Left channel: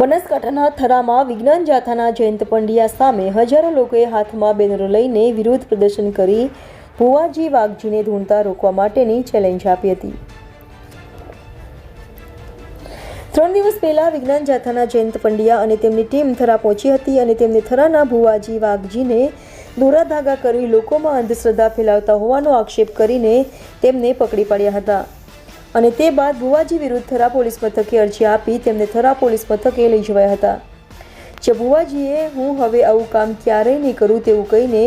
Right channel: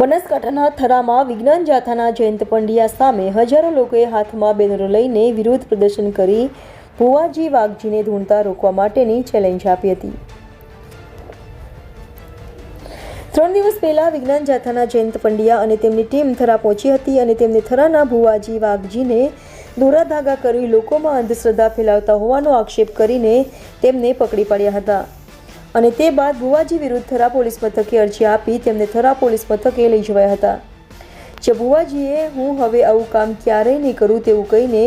બનાસકાંઠાના થરામાં વિજ્ઞાન જાથાના જયંત પંડ્યા સામે હજારો લોકોએ હાથમાં બેનરો લઈને વિરોધ પ્રદર્શન કરી ભુવાજી વાઘજીને ધૂણતા રોકવા માટેની ચેલેન્જ આપી હતી। 3 દિવસ પહેલા વિજ્ઞાન જાથાના જયંત પંડ્યા અને તેમની ટીમ થરા પહોંચી હતી અને તેમને થરાના ભુવાજી વાઘજીને દોરા ધાગા કરી લોકોમાં અંધશ્રદ્ધા ફેલાવતા હોવાનો આક્ષેપ કરીને તેમને પકડી પાડ્યા હતા અને તે બાદ ભુવાજી વિરુદ્ધ થરા પોલીસ મથકે અરજી આપી તેમને થરા પોલીસ મથકે લઈ જવાયા હતા। જે ભુવાજીએ હું હવે આવું કામ ક્યારેય નહીં કરું તેવું કહીને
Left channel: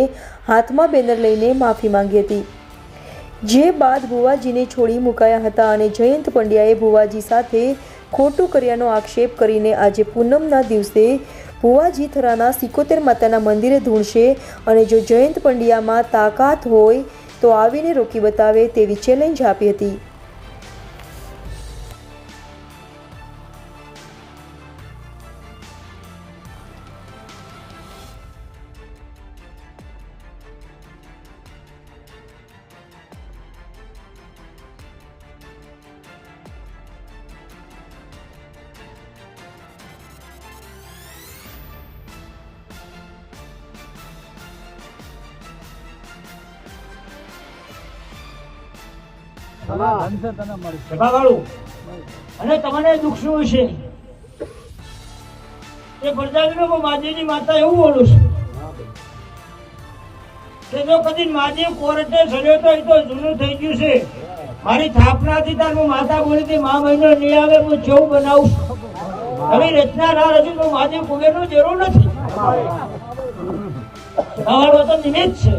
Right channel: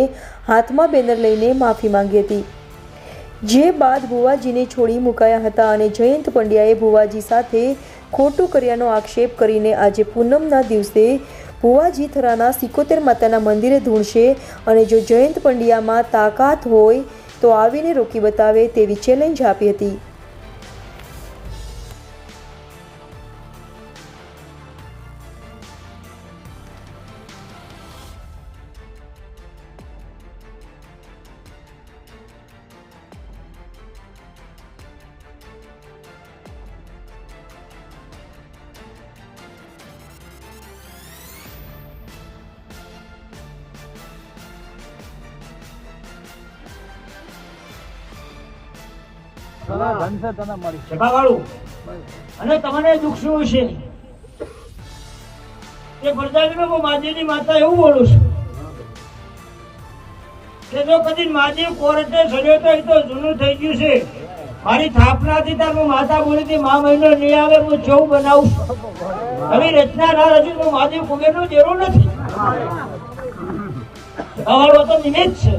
હાથમાં બેનર લઈને માફી માંગી હતી। જે બાદ ભુવાજીને છોડી મુકાયા હતા અને જયંત પંડ્યાએ ભુવાજી સાથે ખોટું કર્યાનો આક્ષેપ કરીને આજે પૂનમના દિવસે ભુવાજી થરાના 71 માતાના મંદિરે ધૂણશે અને જો જયંત પંડ્યામાં તાકાત હોય તો આવીને રોકી બતાવે તેવી ચેલેન્જ આપી હતી। અને તમને દુઃખ શું છે એ પ્રજાજનો માજીની માતા એવું બોલું છું કે જો કદી માજી કોર્ટે સડ્યો તો એ તો જૂનું થઈ ગયું છે। મારી સ્થાપનાથી તાર હું માતા બોલી હતી મા મહિનો નહીં આવે હું ચૌ બનાવું હવે રચના ના રચું તો માજી કુબેરનું જરૂર નથી અમારો તો નિમિત્ત છે।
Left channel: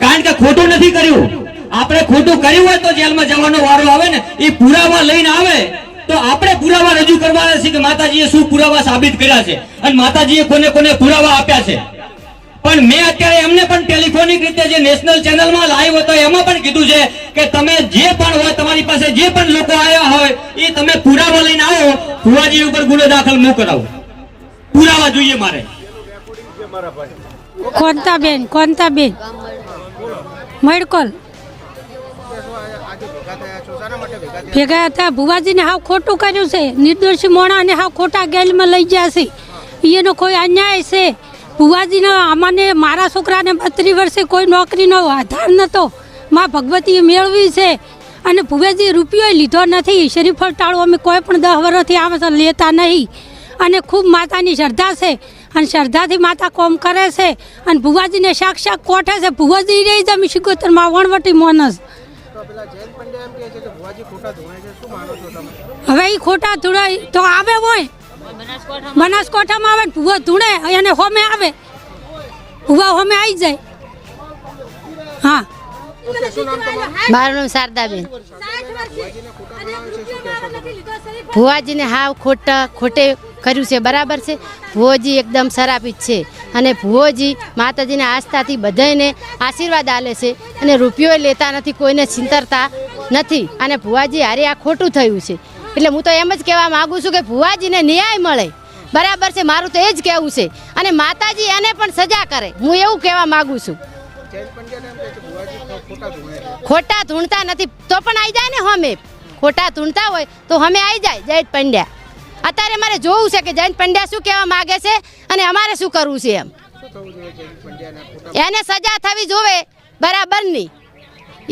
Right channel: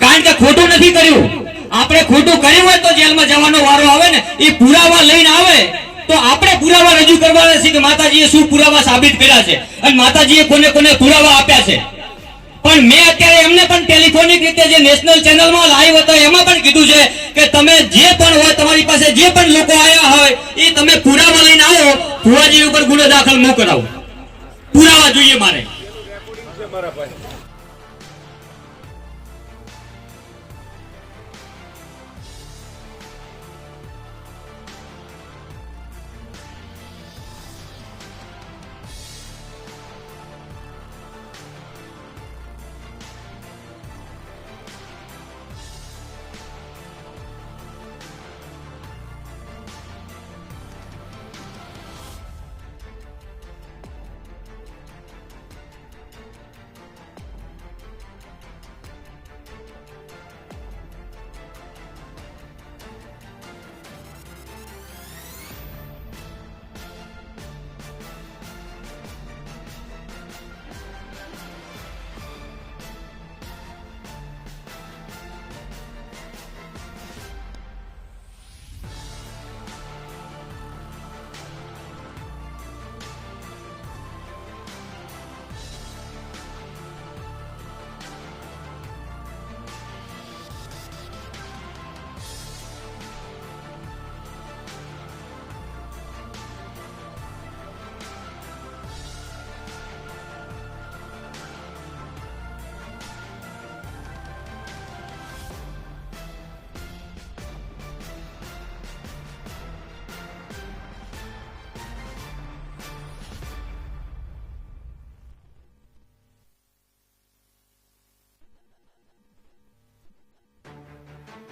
કારણ કે ખોટું નથી કર્યું। આપણે ખોટું કર્યું હોય તો જેલમાં જવાનો વારો આવે ને એ પુરાવા લઈને આવે તો આપણે પુરાવા રજૂ કરવાના છે કે માતાજીએ શું પુરાવા સાબિત કર્યા છે અને માતાજીએ કોને કોને પુરાવા આપ્યા છે। પણ મેં અત્યારે એમને પણ ટેલિફોનિક રીતે જે નેશનલ ચેનલમાં લાઈવ હતો એમાં પણ કીધું છે કે તમે જે પણ હોય તમારી પાસે જે પણ લોકો આવ્યા હોય એ તમે પુરાવા લઈને આવો, ભુવાજી ઉપર ગુનો દાખલ ન કરાવો, પુરાવા જોઈએ મારે। કોંતાબેન મડકોલ ભેગા હતા। ભુવાજીને હાવ ખોટું કર્યું છે, નિર્દોષી મોણાને હાવ ખોટા ગેલમાં લઈ ગયા છે, એનો કોઈ અન્યાય છે। ભુવાજીને અમને મારા છોકરાને 32 વર્ષે કોઈ નોકરીનો આધાર નહોતો, માં ભગવતીએ મેળવી છે અને ભુવાજી રૂપિયો લીધો નથી। શરીફળ ટાળું અમે કોઈ પણ 10 વર્ષથી આવે તો લેતા નહીં અને ખૂબ માતાની શ્રદ્ધા છે અને શ્રદ્ધાથી માતા કોમ કરે છે અને ભુવાજીને સાક્ષાત કોઠે છે। ભુવાજી રહી જમી 71 વણવટી મોનસ। હવે એ ખોટા ધૂળે તો આવે હોય બનાસકાંઠામાં આવે ભુવા ધૂળે અને હોમે આવે ભુવા હોમે આવી જાય। હા, મારું નામ શારદાબેન। ભુવાજીને હાવ ખોટે કર્યું છે, બરાબર છે। ભુવાજી એકદમ શરાબી છે અને ભુવાજી માતાજીના આસ્થાથી બધાને આશીર્વાદ આલે છે અને રૂપિયો લેતા નથી, કોઈને ચિંતરતા નથી અને ભુવાજી હારે આ ખોટું થયું છે। એટલે હું તો એમ જ કહેવા માંગુ છું કે ભુવાજીને ન્યાય મળે, બરાબર છે, મારું તો એ જ કહેવું છે અને માતાજી એને પણ સજા કરે, હું એવું કહેવા માંગુ છું। ખોટા ધૂણતા નથી તો પણ આવી જાય ને, હમે ખોટા ધૂણતા હોય તો હમે આવી જાય જયંત પંડ્યા। અત્યારે મારે જોવું છે કે જયંત પંડ્યા શું કહેવા માંગે છે અને અમારે શું કરવું છે એમ। એને સજા થવી જોવે, બરાબરની,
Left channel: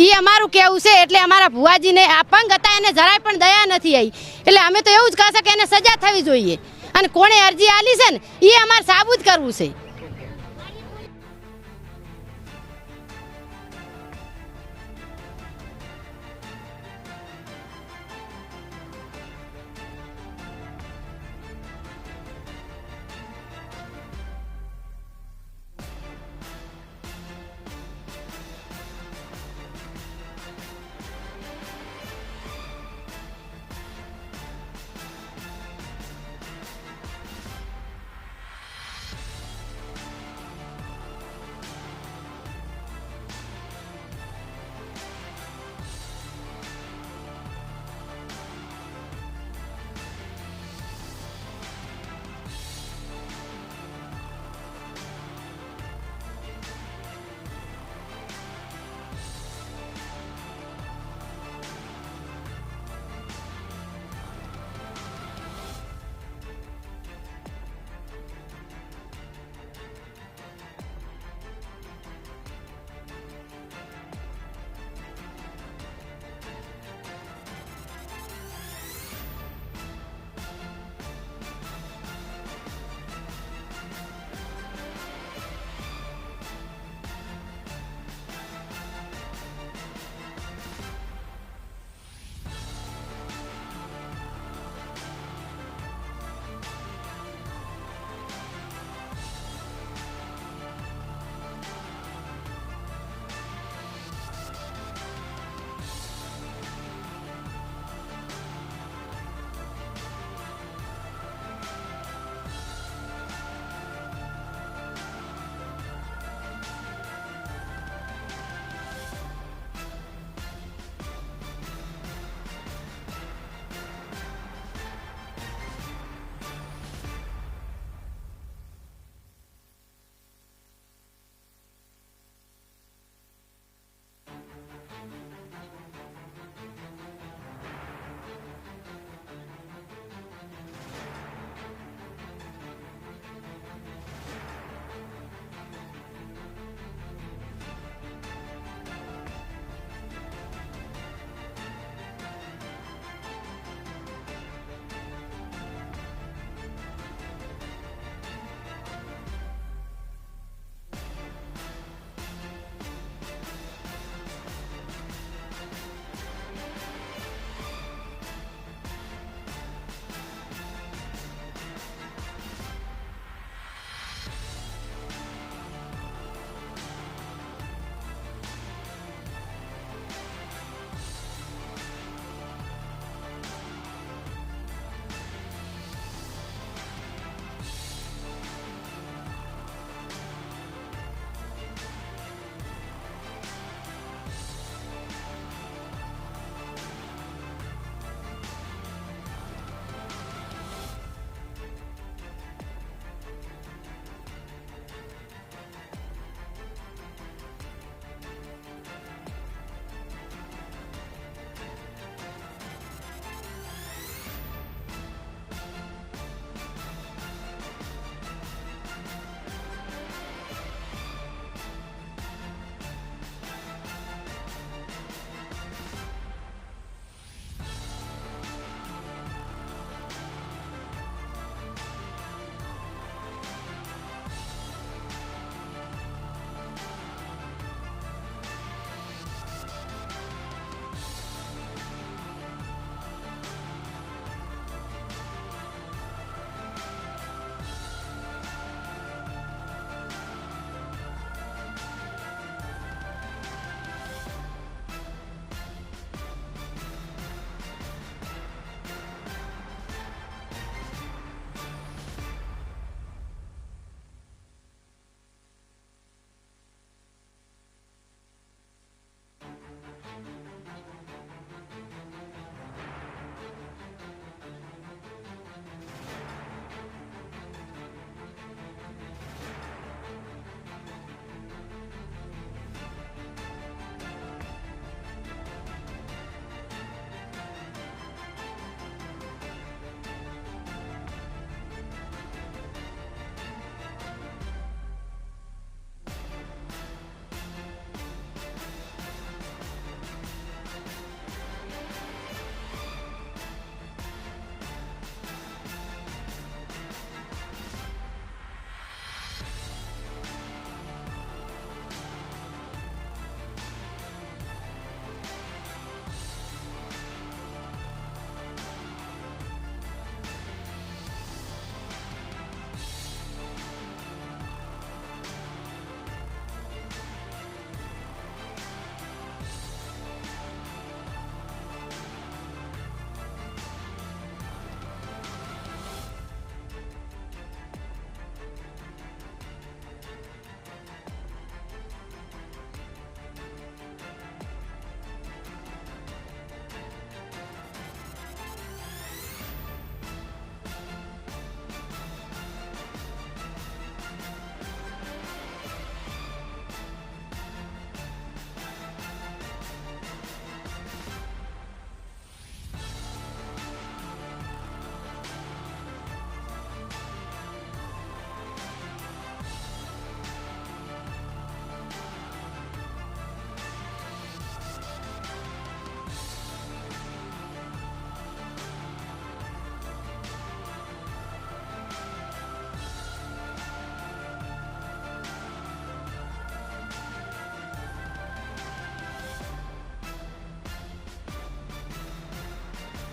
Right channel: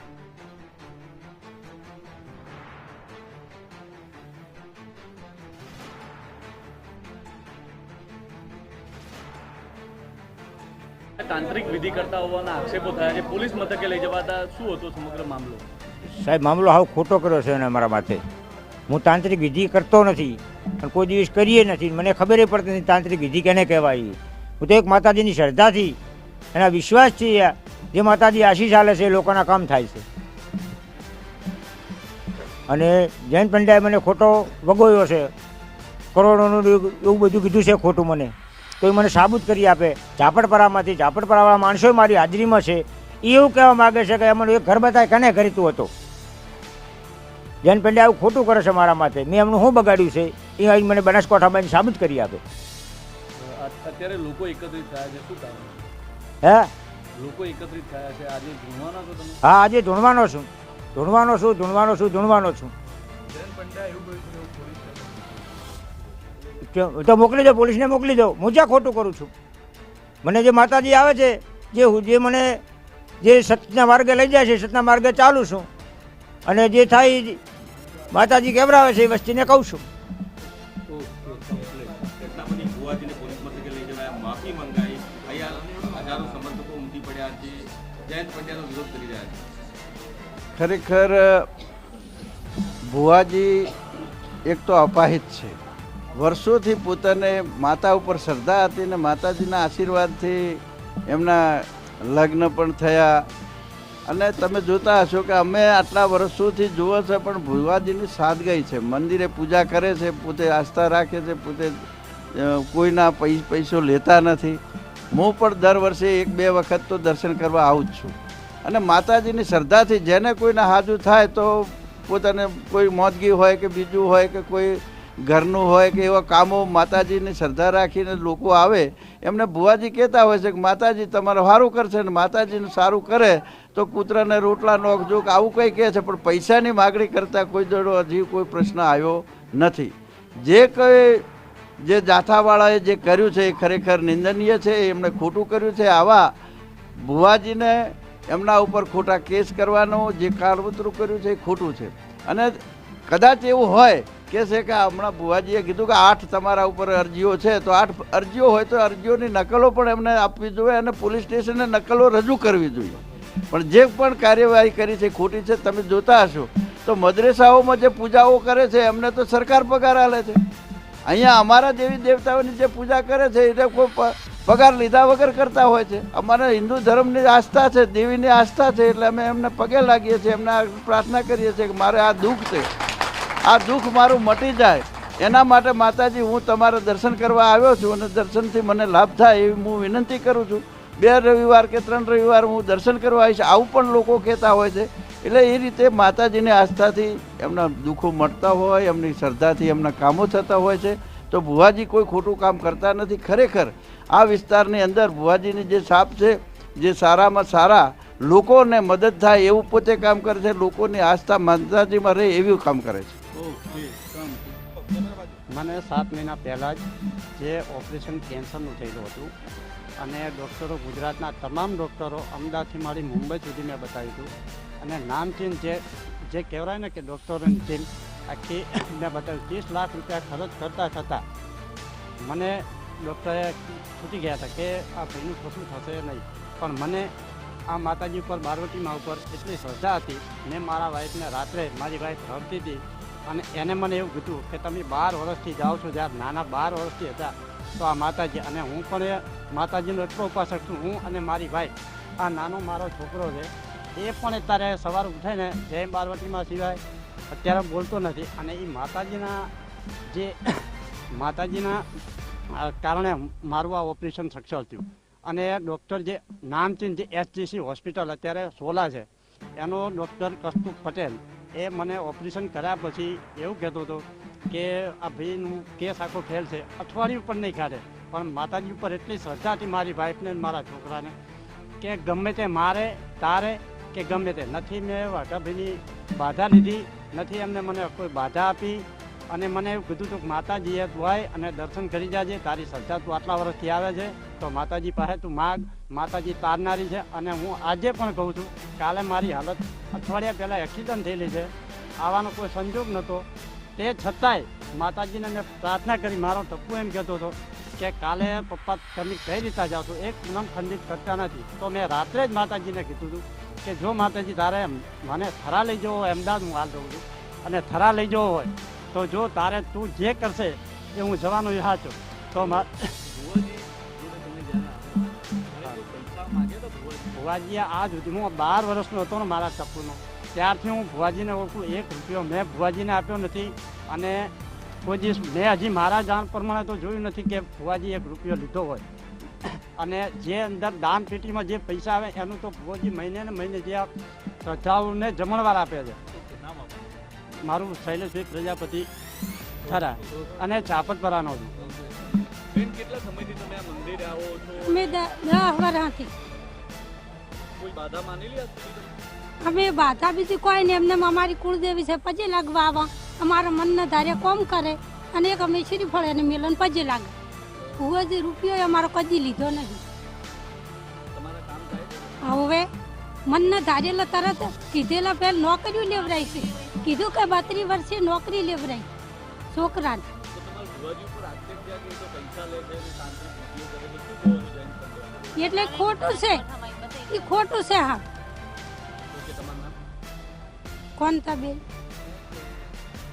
એ અમારું કહેવું છે। એટલે અમારા ભુવાજીને અપંગ હતા એને જરાય પણ દયા નથી આવી, એટલે અમે તો એવું જ કહેશે કે એને સજા થવી જોઈએ અને કોણે અરજી આલી છે ને એ અમારે સાબુત કરવું છે। તાંત્રિક વિધિ કરતા હોવાના આક્ષેપો થયા છે, પોલીસ મથકે લઈ જવાતા શું હતો સમગ્ર મામલો? સાહેબ, મામલો હાવ ખોટો કર્યો છે અને અમારા માથે। હું તાંત્રિક વિધિ કરતો નથી અને કોઈ દિવસ કરીએ નથી, મને ખબર પડતી નથી તાંત્રિક વિધિ કેને કહેવાય। હું તો એક માતાજીની શ્રદ્ધાથી એના વિશ્વાસથી જે માતાજી આશીષ આલે છે એ લોકોના કામ થાય છે। અને જૈન પંડ્યાએ મને ખોટો વગોયો છે, કરોડોનું એવું બધું કીધું છે ખોટું મને, તો એ મને સાબુત કરી આપે. ઝાપડપરામાંથી ઝાપડપરાવાળા માણસો મારી હાજરીમાં છે, એ એવું કહેવા માગે છે કે એમનું એક ઘર બતાય કને કરીતું હતો. જૈન પંડ્યા આવું ખોટું કરે છે મારા માથે, મેં એમનું શું બગાડ્યું છે એ અહીં મને બનાસકાંઠામાં સાબિત કરી આપે. અત્યારે લોકો એકત્રિત થયા છે, શું કામ? હે, લોકો એકત્રિત થયા છે, આજે ધૂણવાના છો તમે? હા, આજે ધૂણવાનો છું, ધૂણવાનો છું, ધૂણવાનો છું, ધૂણવાનો છું. તો મોકલી દો, પોલીસને મોકલી દો. હું જ્યાં ખોટું કરું છું, મને જે માતાજી આવે છે, જે મને જે સતના માર્ગે લઈ જાય છે, સતના માર્ગે ચાલું છું, અને જે થાય એ માતાજી કેવરાવે છે એ વસ્તીને કહું છું. ખરેખર ભુવાજી એક તો અપાહિત છે. વર્ષોથી પોતાને માતા ઉપર શ્રદ્ધા હતી ને માતાજીના આશીર્વાદથી એમના લગ્ન પણ થયા. અને તમે જોતા હશો કે અમે આટલા વર્ષોથી જુઓ છે પણ ભુવાજીની સાદગાઈ છે. મંદિરે પૂજા કરે છે, પોતે આસ્થા રાખે છે, પોતે કોઈના પૈસો લેતા નથી. હું પણ દર વર્ષે 1-2 વખત તો દર્શન કરવા આવું જ છું. અને માતાજીની શ્રદ્ધાથી જેને કોઈને હાજુ થાય તો પોતાને કોઈ મોજગી હોય કે બીજું હોય કે કોઈ ઘરનું હોય કે એવા કામો માતાજીની શ્રદ્ધા રાખીને લોકો આવે, એમને ભુવાજી કહેતા હોય છે કે માતાજી તમારે સારું કરશે ને માતાજીને સારું કરે તો કૂતરાને રોટલા નોખજો કે આવું કંઈ કહે છે. પણ પૈસાની માગણી કરતાં કોઈ જોડો હજી કોઈ પ્રશ્ન આવ્યો નથી. જે જાથાવાળાએ જે કર્યું છે એ ખરેખર નિંદનીય છે, એમણે ખોટું કર્યું છે. આવા ભુવાજીને એમના ઉપર ખોટા કેસ કરવાનો જે કાળવતરું કર્યું છે એ ખોટું છે. અને કદાચ એવું હોય કે છે કે હમણાં ભુવાજીએ કીધું કે 8 તમારા ઉપર અરજીઓ છે, તો 8 અરજીઓ હોય તો અરજીઓની નકલો પણ એમને આપવી જોઈએ અને પોલીસ સ્ટેશને નકલો રજૂ કરવી જોઈએ. પણ જે પણ કાર્યવાહી કરી છે ખોટી છે. તમે જોતા હશો તો મદ્રેસાઓમાં જે પૂજાઓ કરે છે એમને તો સરકાર પગાર આલે છે. અહીંયા અમારા દેવી દેવતાઓની જે પૂજા કરે છે એ કોઈ પગાર લીધા વગર કરતા હોય છે. અમારા હિન્દુ ધર્મની આસ્થા છે, દેવીની આસ્થા છે, એટલે અમે એમને પગે લાગીએ છીએ, એમને પ્રાર્થના કરીએ છીએ કે મારે આ દુઃખ છે, આ દુઃખ મારું મટી જાય. એના માટે માતાજી હું તમારા દર્શન કરવા આવ્યો છું અને દર્શનથી મને લાભ થાય એવી હું વિનંતી કરું છું. 2 રવિવાર કે 3 રવિવાર હું દર્શન કરવા આવીશ, આવું પણ લોકો કહેતા હોય છે. એટલે એ રીતે માતાજીની આસ્થાથી એમના દુઃખો મળતા હોય, એમની શ્રદ્ધાથી એમના કામો થતા હોય છે. તો ભુવાજી કોઈ ખોટું કામ કરતા નથી. ખરેખર આ વિસ્તારની અંદર ભુવાજીની જે છાપ છે, જે સારામાં સારા લોકોને મદદ થાય એવું પોતે કામ કરે છે, લોકોની આસ્થા માતાજીમાં રહે એવું કામ કરે છે. મને 7 મહિના પહેલાં જ જે ઓપરેશન કેન્સરનું થયેલું હતું અને ડૉક્ટરો, ગુજરાતના તમામ ડૉક્ટરો, અમદાવાદથી માંડી મુંબઈ સુધી મેં બતાવ્યું હતું. અને નામચીન જે કહેવાય ને કે ડૉક્ટરોની ટીમ આખી મેં બતાવ્યું. 30 લાખ રૂપિયા ખર્ચ કરતા છતાં મને ડૉક્ટરે છૂટી ગયા હતા કે આ ભાઈનું ખોટું થશે નહીં. પણ મને આ માતાજી ઉપર, પાર્વતીમાં ઉપર એટલી શ્રદ્ધા હતી. મેં મારા વાઈફને રાત્રે, મારી વાઈફ ભરતી હતી અને એને મને એવું કીધું કે તમે 12 વર્ષથી જાઓ છો, જ્યારે નાના 12 વર્ષથી હતા તો આ માતાજી, અને હું પણ એ માતાજીનો એટલો ઉપાસક છું. હું અને મારી વાઈફ, આ નાનો મારો છોકરો છે એ પણ અત્યારે સવાર ઉઠાઈને જય પાર્વતીમાં સિવાય અત્યારે બોલતો નથી. અને એ માતાજીના કારણે મારું આ ઓપરેશન સક્સેસ થયું. અને ડૉક્ટર જે નામચીન જે SGC હોસ્પિટલ અત્યારે સોલા છે એનો ડૉક્ટર કસ્તુભ પટેલ એ મને ઓપરેશન કર્યા પછી એવું કહેતો હતો કે આ ભાઈનું કેસ આખો ફેલ છે, અઠવાડિયું પણ નહીં કાઢે. પણ માતાજી ઉપર એટલી શ્રદ્ધા હતી મારી વાઈફને મારા છોકરાને કે ગમે તે મારે તારે કે ગમે તે નથી. મેં વાઘાભાઈની બાધા લીધી નથી, એમને મને કોઈ બાધા આપી. અને મને એવું કીધું હતું કે માતાજીએ દુઆય અને દર્શન કરી જાજે, તારી શ્રદ્ધા તું આટલા વર્ષથી આવે છે તો માતાજી પાસે તું માગ, માતાજી તારનારી છે. અને હું આજે પણ કહું છું, કાલે મારી હાલત અઠવાડિયા પહેલાં એક્સિડન્ટ થયેલી છે, આવવાનો કોઈ સંજોગ નહોતો. તે છતાંય માતાજીને મેં પ્રાર્થના કરી. મારો ટપ્પુ એમ કહેતો હતો કે કાલે પપ્પા તમે કઈ રીતે જાઓ છો, એક મન ખંડિત કરતા નથી. તો મેં રાત્રે જ માતાજીને કીધું હતું કે જો માતાજી તારે મને થરા લઈ જવો હોય, અમદાવાદ હું હાલ જઉં છું, અને થરા લઈ જવો હોય તો જો તારે તું જે કરશે એ હું જવાનો ઈચ્છા છું. તો ભુવાજીએ આ સુધીમાં 12 વર્ષનો હતો ને મારા ટપુનો, ત્યારથી હું ભુવાજીને ઓળખું. 1 રૂપિયો મેં ભુવાજીને આપ્યો નથી અને કોઈ દિવસ મેં હજી મારા જાણ પ્રમાણે તો જોયું નથી કે ભુવાજી 1 રૂપિયો લીધો હોય. અને જે અંદર દાન પેટીમાં જે પૈસા આવે એનું તો ભુવાજી મહિને ને મહિને જે આ શ્રદ્ધાળુને જમણવાર આપે છે. મારું શૈલેષભાઈ પ્રજાપતિ ખરા અને ચાપતપરાનો છું. બેન કેટલા સમયથી તમે આ મંદિરે આવો છો? અમે 10 વર્ષથી. કોઈ બાધા માનેલી હતી? અમે બાધા બીજી કોઈ નહીં, એમને અમારી કુળદેવી છે પજે લાગવા આવા, અમારા મનના ધારે કોમ કરે અને એક અમે શ્રીફળ અને મિલન પજે લાગે. ભુવાજી રૂપિયો અમારો કદી લીધો નથી. હવે મનના ધારેલા તરત કીધેલા પહેલ નોકરીઓ લેવરાય છે. કીધું કે 32 વર્ષે નોકરી લેવરાય છોકરાને. એટલે ખોટું છે, એ ખોટું છે. હા કોણ તા બેન?